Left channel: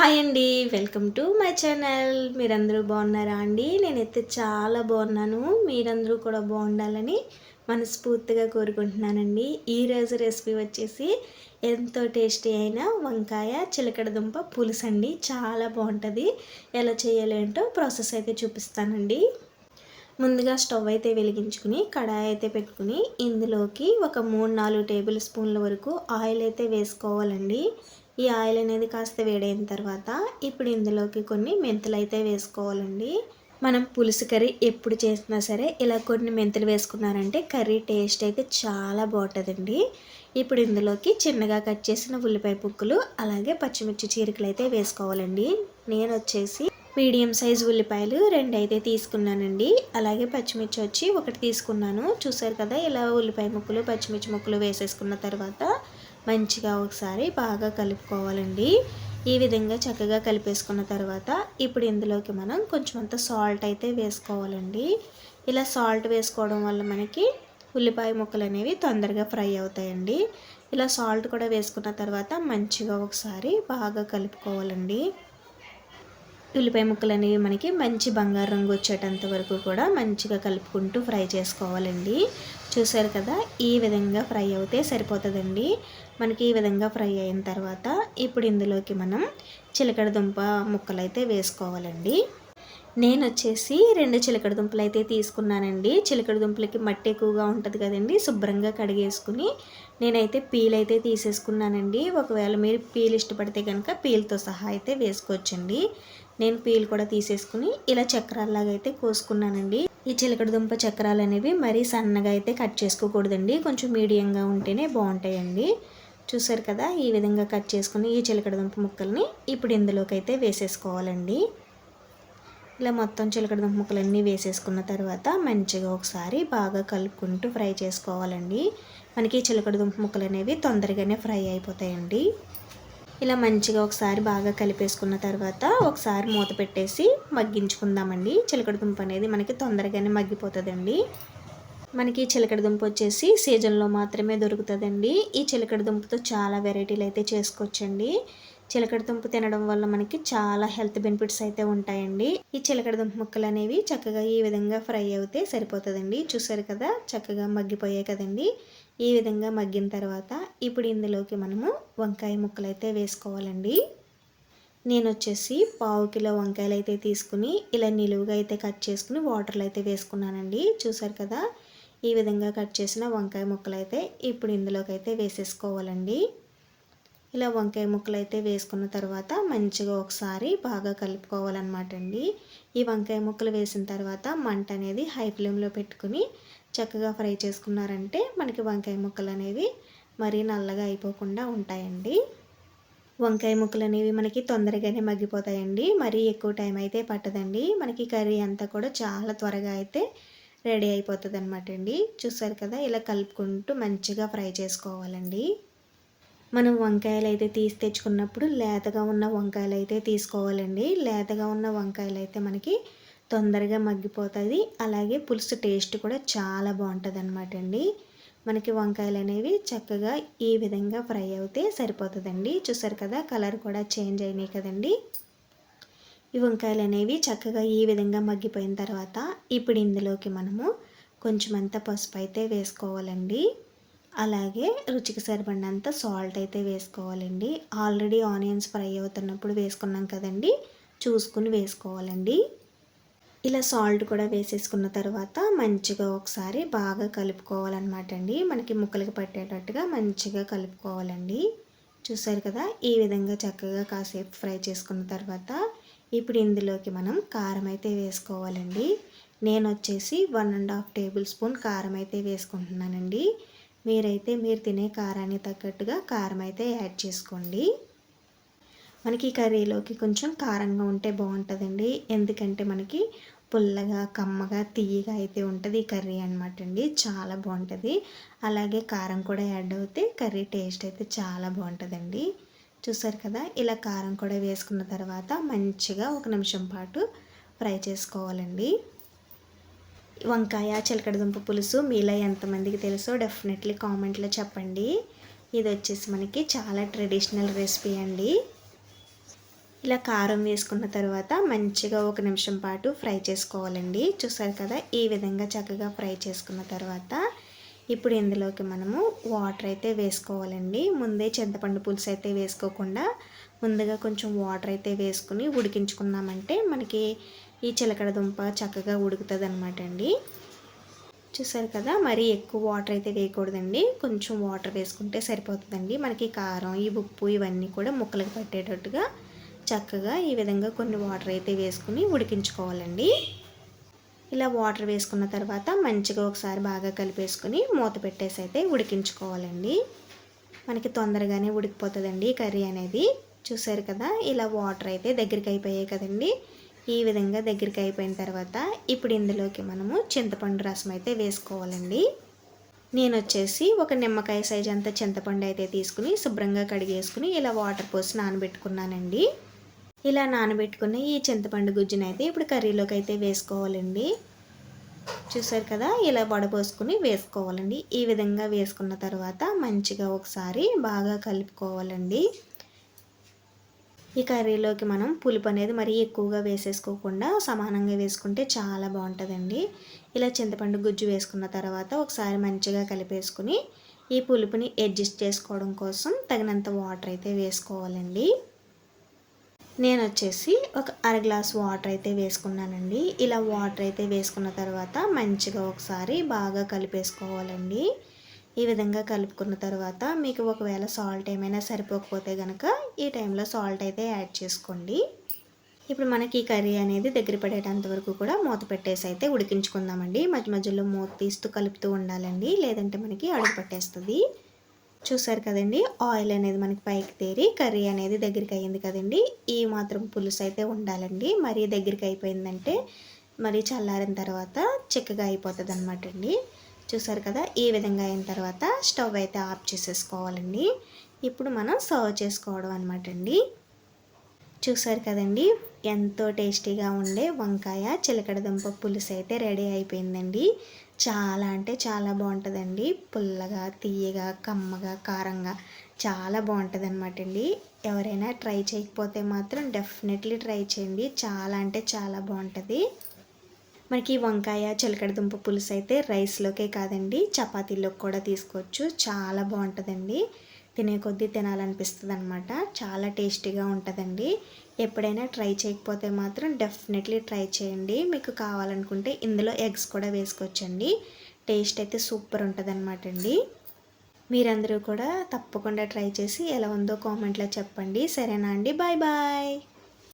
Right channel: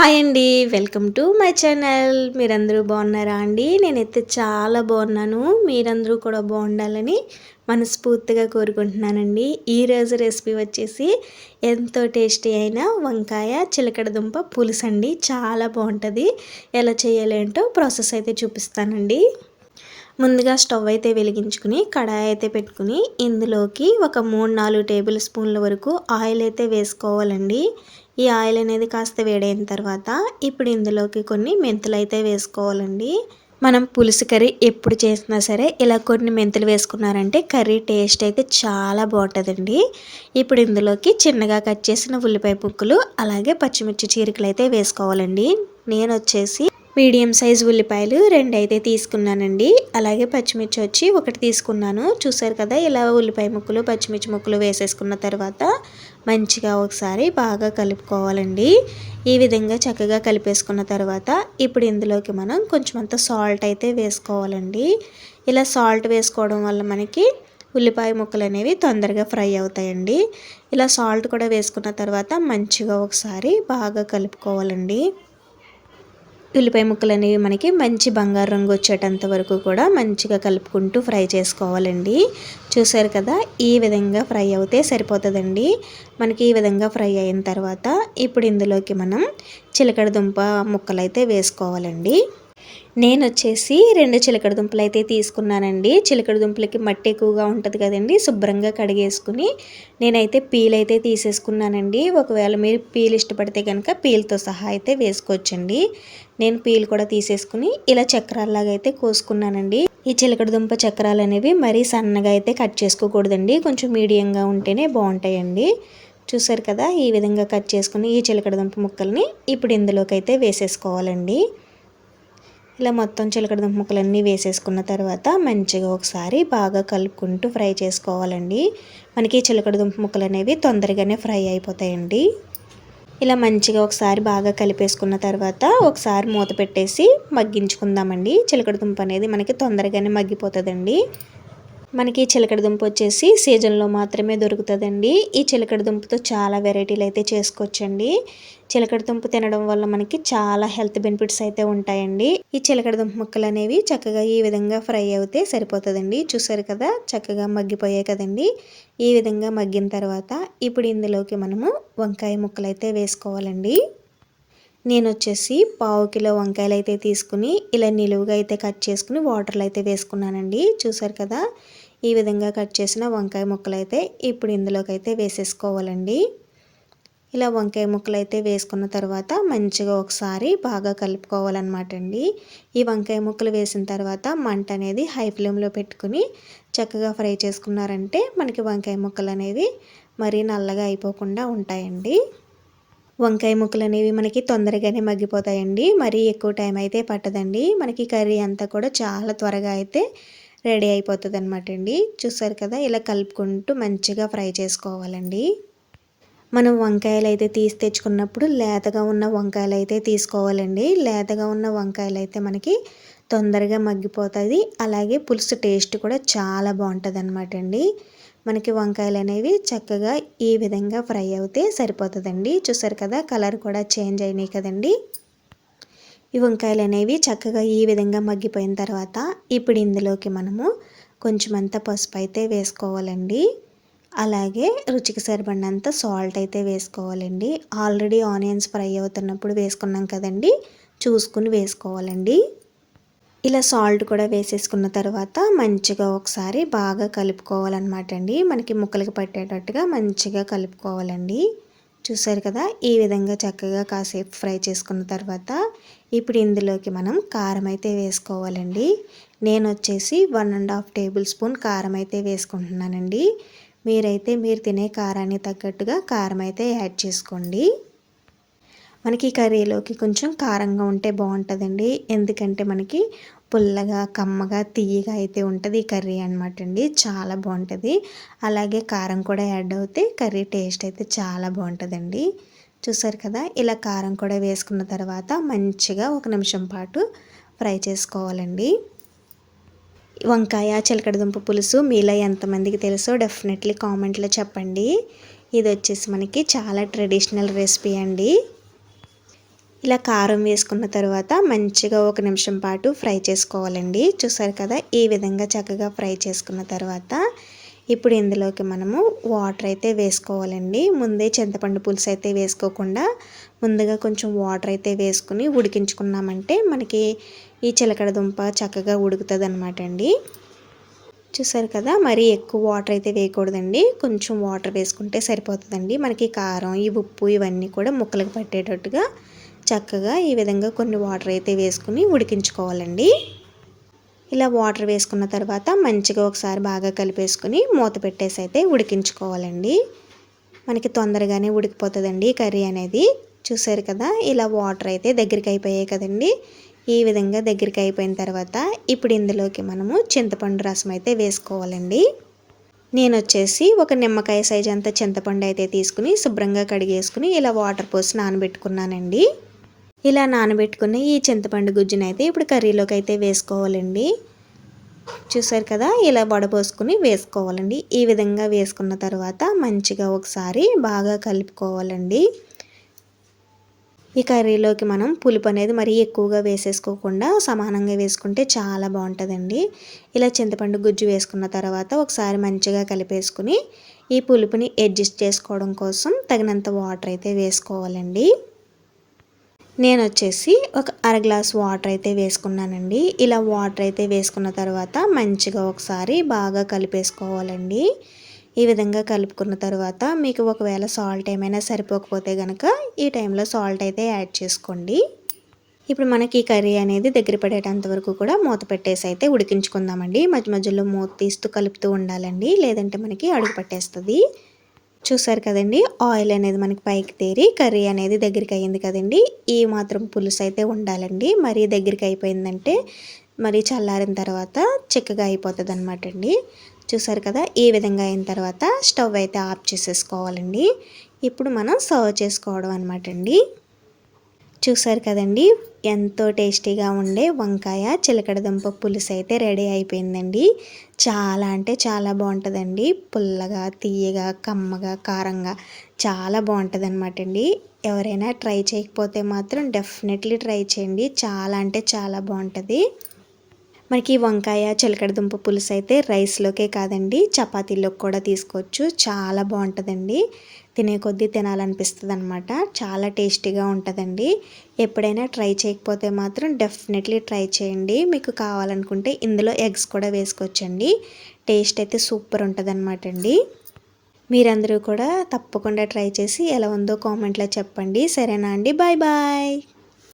Hi అండి welcome to my channel. మీరందరూ బాగున్నారా అండి? నేనైతే చాలా బాగున్నాను. మీరందరూ కూడా బాగుండాలని మనస్ఫూర్తిగా కోరుకుంటున్నానండి. ఈరోజు రెసిపీ వచ్చేసి ఎంతో టేస్టీ అయిన వంకాయ చిలకడ దుంప పులుసు అండి. చాలా బాగుంటుంది. ఎలా చేయాలి ఏంటో ప్రాసెస్ అయితే చూపిస్తానండి. ముందుగా స్టవ్ అయితే వెలిగించుకుని కడాయి అయితే పెట్టుకుని ఇందులోకి ఒక మూడు నాలుగు టేబుల్ స్పూన్ల వరకు ఆయిల్ అయితే వేసుకోవాలండి. ఈ ఆయిల్ అనేది కాస్త వేడైన తర్వాత ఇప్పుడు ఇందులోకి కొన్ని మెంతులు అయితే వేసుకోవాలండి. మనం పులుసు కర్రీ ఎప్పుడు చేసినా సరే ఇలా కొన్ని మెంతులు వేసుకున్నారంటే కర్రీ టేస్ట్ అయితే చాలా బాగుంటుందండి. ఇప్పుడు ఇందులోకి చిన్నగా కట్ చేసిన ఉల్లిపాయ ముక్కలు అలాగే పచ్చిమిర్చి చీరికలు అయితే వేసుకోవాలండి. నేను వచ్చేసి మీడియం సైజ్ ఉల్లిపాయలు రెండు అయితే తీసుకున్నానండి. అలాగే పచ్చిమిర్చి వచ్చి ఒకటి తీసుకున్నాను. చూసారు కదా ఇలా ఉల్లిపాయ ముక్కలు పచ్చిమిర్చి ముక్కలు వేసేసుకున్న తర్వాత మంచిగా ఒకసారి బాగా కలుపుకోవాలండి. ఈ విధంగా చక్కగా కలిపేసుకున్న తర్వాత ఇప్పుడు ఇందులోకి మనం కొంచెం అంత సాల్ట్ అయితే వేసుకోవాలండి. ఇలా సాల్ట్ వేసుకోవడం వల్ల మనకి ఉల్లిపాయ ముక్కలు అనేవి తొందరగా ఫ్రై అవుతాయండి. ఇలా సాల్ట్ కూడా వేసుకున్న తర్వాత మంచిగా ఒకసారి బాగా కలుపుకోవాలండి. ఉల్లిపాయ ముక్కలు అనేవి మనకి మంచి బంగారు రంగు వచ్చేటంత వరకు కూడా మంచిగా కలుపుకుంటూ ఫ్రై చేసుకోవాలండి. చూసారు కదా ఈ విధంగా ఫ్రై అవుతే సరిపోతుందండి. మనకి ఈ విధంగా ఫ్రై అయిన తర్వాత ఇప్పుడు ఇందులోకి మనం చిలకడ దుంప ముక్కలు అయితే వేసుకోవాలండి. నేను వచ్చేసి రెండు చిలకడ దుంపలు అయితే తీసుకున్నానండి. చిలకడ దుంపలకి మట్టి ఎక్కువగా ఉంటుంది కదండి శుభ్రంగా కడిగేసుకుని నేనైతే పీల్ అయితే తీసేసుకున్నానండి. ఒకవేళ మీరు పీల్ ఇష్టపడితే కనుక పీల్తో సహా అయితే వేసుకోవచ్చండి. నేను పీల్ కూడా తీసేసుకుని ఇలా చక్రాల్లాగా అయితే కోసుకున్నానండి. ఈ చిలకడ దుంప చక్రాలు అనేవి మరీ సన్నగా అయితే కట్ చేసుకోకూడదండి. కొంచెం మీడియంగా ఉంటేనే బాగుంటాయండి. చూసారు కదా ఈ విధంగా కట్ చేసుకుని ఈ చిలకడ దుంప ముక్కల్ని ఇప్పుడు ఇందులోకి అయితే వేసేసుకోవాలండి. ఇలా మొత్తం చిలకడ దుంప ముక్కలన్నీ వేసేసుకున్న తర్వాత మంచిగా ఒకసారి బాగా కలుపుకుంటూ ఫ్రై చేసుకోవాలండి. మనకి చిలకడ దుంప ముక్కలు అనేవి తొందరగానే ఫ్రై అయిపోతాయండి. ఇలా మంచిగా ఒకసారి బాగా కలిపేసుకున్న తర్వాత ఒకసారి మూత పెట్టేసి మగ్గించుకుందామండి. చిలకడ దుంప అనేది మనకి తొందరగానే మగ్గిపోతుందండి. మనకి చిలకడ దుంప వచ్చేసి సీజన్లో మాత్రమే దొరుకుతుందండి. ఈ చిలకడ దుంపతో చాలా వెరైటీలు అయితే చేసుకోవచ్చండి. చిలకడ దుంప తినడం వల్ల మనకి చాలా హెల్త్ బెనిఫిట్స్ అయితే ఉంటాయండి. ఈ చిలకడ దుంప ముక్కలు అనేవి చక్కగా ఈ విధంగా ఫ్రై అవుతే సరిపోతుందండి. చూసారు కదా చక్కగా మగ్గిపోయాయి కదండి. ఈ విధంగా మగ్గిన తర్వాత ఇప్పుడు ఇందులోకి మనము వంకాయ ముక్కలు అయితే వేసుకోవాలండి. నేను వచ్చేసి పావు కిలో వంకాయలు అయితే తీసుకుని ఇలా నిలువుగా అయితే కట్ చేసుకుని వాటర్లో అయితే వేసుకున్నానండి. చూసారు కదా ఈ విధంగా కట్ చేసిన వంకాయ ముక్కలు అయితే ఇప్పుడు ఇందులోకి అయితే వేసేసుకోవాలండి. ఇలా వంకాయ ముక్కలు అయితే వేసుకున్న తర్వాత మంచిగా ఒకసారి బాగా కలుపుకోవాలన్నమాట అండి ఈ వంకాయ ముక్కలు వేసిన తర్వాత మంట అనేది హై ఫ్లేమ్లో పెట్టుకుని చక్కగా ఫ్రై చేసుకున్నారంటే మనకి వంకాయ ముక్కలు అనేవి మరీ నల్లగా అయిపోకుండా ఉంటాయండి. వంకాయ ముక్కలు అనేవి మనకి తొందరగానే మగ్గిపోతాయండి. మరీ ఎక్కువ టైం అయితే పట్టదండి. మనకి కర్రీ అంతా కూడా చాలా త్వరగా అయితే రెడీ అయిపోతుంది అనమాట అండి చూసారు కదా ఇలా కలుపుకుంటూ మంచిగా ఫ్రై చేసుకోవాలండి. మనం వంకాయలు అయితే తీసి తెచ్చుకున్నప్పుడు లేతగా ఉన్న వంకాయలు అయితే తీసుకోవాలండి. లేతగా ఉన్న వంకాయలు అయితే మనకి తొందరగా మగ్గిపోతుంది. అలాగే పులుసు టేస్ట్ కూడా చాలా బాగుంటుంది అనమాట అండి మనకి వంకాయలు అనేవి చక్కగా ఈ విధంగా ఫ్రై అవుతే సరిపోతుందండి. చూసారు కదా కలర్ కూడా చేంజ్ అయినాయి కదండి. ఈ వంకాయలు అనేవి చక్కగా ఈ విధంగా మగ్గిపోయిన తర్వాత ఇప్పుడు ఇందులోకి మనము కొంచెం అంత పసుపు అయితే వేసుకోవాలండి. అలాగే రుచికి సరిపడినంత సాల్ట్ అయితే వేసుకోవాలండి. ఆల్రెడీ ఆనియన్స్ ఫ్రై అవుతున్నప్పుడు వేసుకున్నాం కదండి చూసుకుని వేసుకోవాలండి. ఇలా సాల్ట్ కూడా వేసేసుకున్న తర్వాత మంచిగా ఒకసారి బాగా కలుపుకోవాలన్నమాట అండి మనకి ముక్కలకి పట్టేటట్టుగా మంచిగా కలుపుకోవాలండి. చూసారు కదా? ఈ విధంగా చక్కగా కాసేపు ఫ్రై చేసుకున్న తర్వాత ఇప్పుడు ఇందులోకి మనం కారం అయితే వేసుకోవాలండి. నేను వచ్చేసి one and half tablespoon కారం అయితే వేసుకుంటున్నానండి. మీరైతే మీరు తినే కారాన్ని తగ్గట్టుగా కారం అయితే యాడ్ చేసుకోండి. మనకి కర్రీలోకి కొంచెం కారంగా ఉంటే బాగుంటుందండి. ఎందుకంటే మనకి పుల్లగా కమ్మగా తీయగా అయితే ఉంటుంది ఈ కర్రీ అనమాట అండి. చాలా బాగుంటుంది. అలాగే కారం కూడా యాడ్ అవుతే కర్రీ టేస్ట్ అయితే చాలా బాగుంటుందండి. చూసారు కదా? ఇలా కారం కూడా వేసుకున్న తర్వాత మంచిగా ఒక నిమిషం పాటు ఫ్రై చేసుకోవాలండి. వంకాయ చిలకడదుంప పులుసు మీలో ఎంతమందికి తెలుసో డెఫినెట్లీ కామెంట్లో చెప్పండి. ఇది వచ్చేసి మనకి చాలా ట్రెడిషనల్ రెసిపీ అండి. ఇలా కారం వేసుకున్న తర్వాత మంచిగా ఒక నిమిషం పాటు ఫ్రై చేసుకోవాలండి. చూసారు కదా ఈ విధంగా చక్కగా ఫ్రై చేసుకున్న తర్వాత ఇప్పుడు ఇందులోకి మనము వాటర్ అయితే వేసుకోవాలండి. ముందే చింతపండు పులుసు అయితే వేసుకోకుండా ముందుగా కొంచెం వాటర్ అయితే వేసుకుని ఉడికించుకున్నామంటే మనకి ఈ చిలకడ దుంప చక్కగా ఉడుకుతుంది అనమాట అండి చూసారు కదా మరీ ఎక్కువ వాటర్ అయితే వేయకూడదండి. కొంచెం వాటర్ వేసుకుంటే సరిపోతుందండి. మనకి కారం ఈ ఉప్పు ఇవన్నీ కూడా ముక్కలకు పట్టేటట్టుగా చక్కగా ఈ విధంగా కొన్ని వాటర్ అయితే వేసుకుని ఉడికించుకోవాలండి. ఇలా వాటర్ వేసుకున్న తర్వాత మంచిగా ఒకసారి బాగా కలిపేసుకుని మూత పెట్టేసి అయితే ఉడికించుకోవాలండి. మనకి తొందరగానే ఉడికిపోతుందండి కర్రీ అనేది. చూసారు కదా ఇలా వాటర్ అయితే దగ్గరికి అయిపోయాయి కదండి. ఈ విధంగా దగ్గరికి అయిపోయిన తర్వాత ఇప్పుడు ఇందులోకి మనము చింతపండు రసం అయితే వేసుకోవాలండి. నేను వచ్చేసి ఒక నిమ్మకాయ సైజ్ అంత చింతపండు అయితే తీసుకుని శుభ్రంగా కడిగేసుకుని ఇలా వాటర్ పోసి నానబెట్టుకున్నానండి. ఇలా నానబెట్టుకున్న ఈ చింతపండు గుజ్జుని అయితే ఇప్పుడు కర్రీలోకి అయితే వేసుకోవాలండి. చూసారు కదా ఇలా వడపోసుకుని వేసుకోవాలండి. ఈ విధంగా వేసుకున్న తర్వాత మంచిగా ఒకసారి బాగా కలుపుకోవాలండి. ఈ కర్రీలోకి మనం పులుపు అనేది మరీ ఎక్కువగా వేసేసుకోకుండా సమానంగా వేసుకుంటే చాలా బాగుంటుందండి. ఇలా చింతపండు గుజ్జు వేసుకున్న తర్వాత ఒకసారి మంచిగా కలిపేసుకుని ఈ పులుపుని అడ్జస్ట్ చేసుకోవడం కోసం తగినంత వాటర్ అయితే వేసుకోవాలండి. నేను వచ్చేసి ఒక అర గ్లాస్ వాటర్ అయితే వేసుకున్నానండి. ఇలా వాటర్ అయితే వేసుకున్న తర్వాత మంచిగా ఒకసారి బాగా కలిపేసుకోవాలండి. ఈ విధంగా కలుపుకున్న తర్వాత మీకు ఒకవేళ సాల్ట్ ఏమైనా సరిపోకపోతే కనుక ఈ టైంలో సాల్ట్ అయితే యాడ్ చేసుకోండి. ఇప్పుడు మనకి కర్రీ అనేది దగ్గర పడేటంత వరకు కూడా మూత పెట్టేసి అయితే ఉడికించుకుందామండి. మధ్య మధ్యలో మూత తీస్తూ కలుపుతూ ఉండాలండి. లేదంటే మనకి అడుగు పట్టేస్తుంది. చూసారు కదండి ఆయిల్ అనేది మనకి పైకి తేరి కర్రీ అనేది దగ్గరికి అయ్యింది కదండి. ఈ మాత్రం పులుసు అయితే ఉండాలండి. మరీ దగ్గరికి అయిపోయిందంటే మరి చల్లారిన తర్వాత చిక్కగా అయిపోతుంది అనమాట అండి. చూసారు కదా ఈ విధంగా అయిన తర్వాత స్టవ్ అయితే ఆఫ్ చేసేసుకోవాలండి. ఇప్పుడు మనం సర్వ్ చేసుకోవడం అనమాట అండి. చూసారు కదండి? ఎంతో టేస్టీగా ఉండే వంకాయ చిలకడదుంప పులుసు అయితే రెడీ అయిపోయిందండి. చాలా అంటే చాలా బాగుంటుందండి. పుల్లగా తీయగా కమ్మగా కారంగా చాలా బాగుంటుంది అనమాట అండి. ఎవరైనా ట్రై చేయకపోతే మాత్రం డెఫినెట్లీ ట్రై చేయండి. చాలా అంటే చాలా బాగుంటుంది. మనకి వంకాయ చిలకడదుంప పులుసు అయితే రైస్లోకే కాదండి చపాతీలోకి కూడా తీసుకోవచ్చు. చాలా బాగుంటుందండి. తినే కొద్దీ తినాలనిపిస్తుంది అనమాట చాలా టేస్టీగా ఉంటుందండి. ఎప్పుడైనా ట్రై చేయకపోతే మాత్రం డెఫినెట్లీ ట్రై చేయండి. మీకు కావాలనుకుంటే ఇందులో ఎగ్స్ కూడా వేసుకోవచ్చండి. టేస్ట్ అయితే సూపర్ ఉంటుంది అనమాట అండి. మీరందరూ కూడా తప్పకుండా ట్రై చేసి ఎలా ఉందో కామెంట్లో చెప్పండి. సరేనా అండి? Bye bye.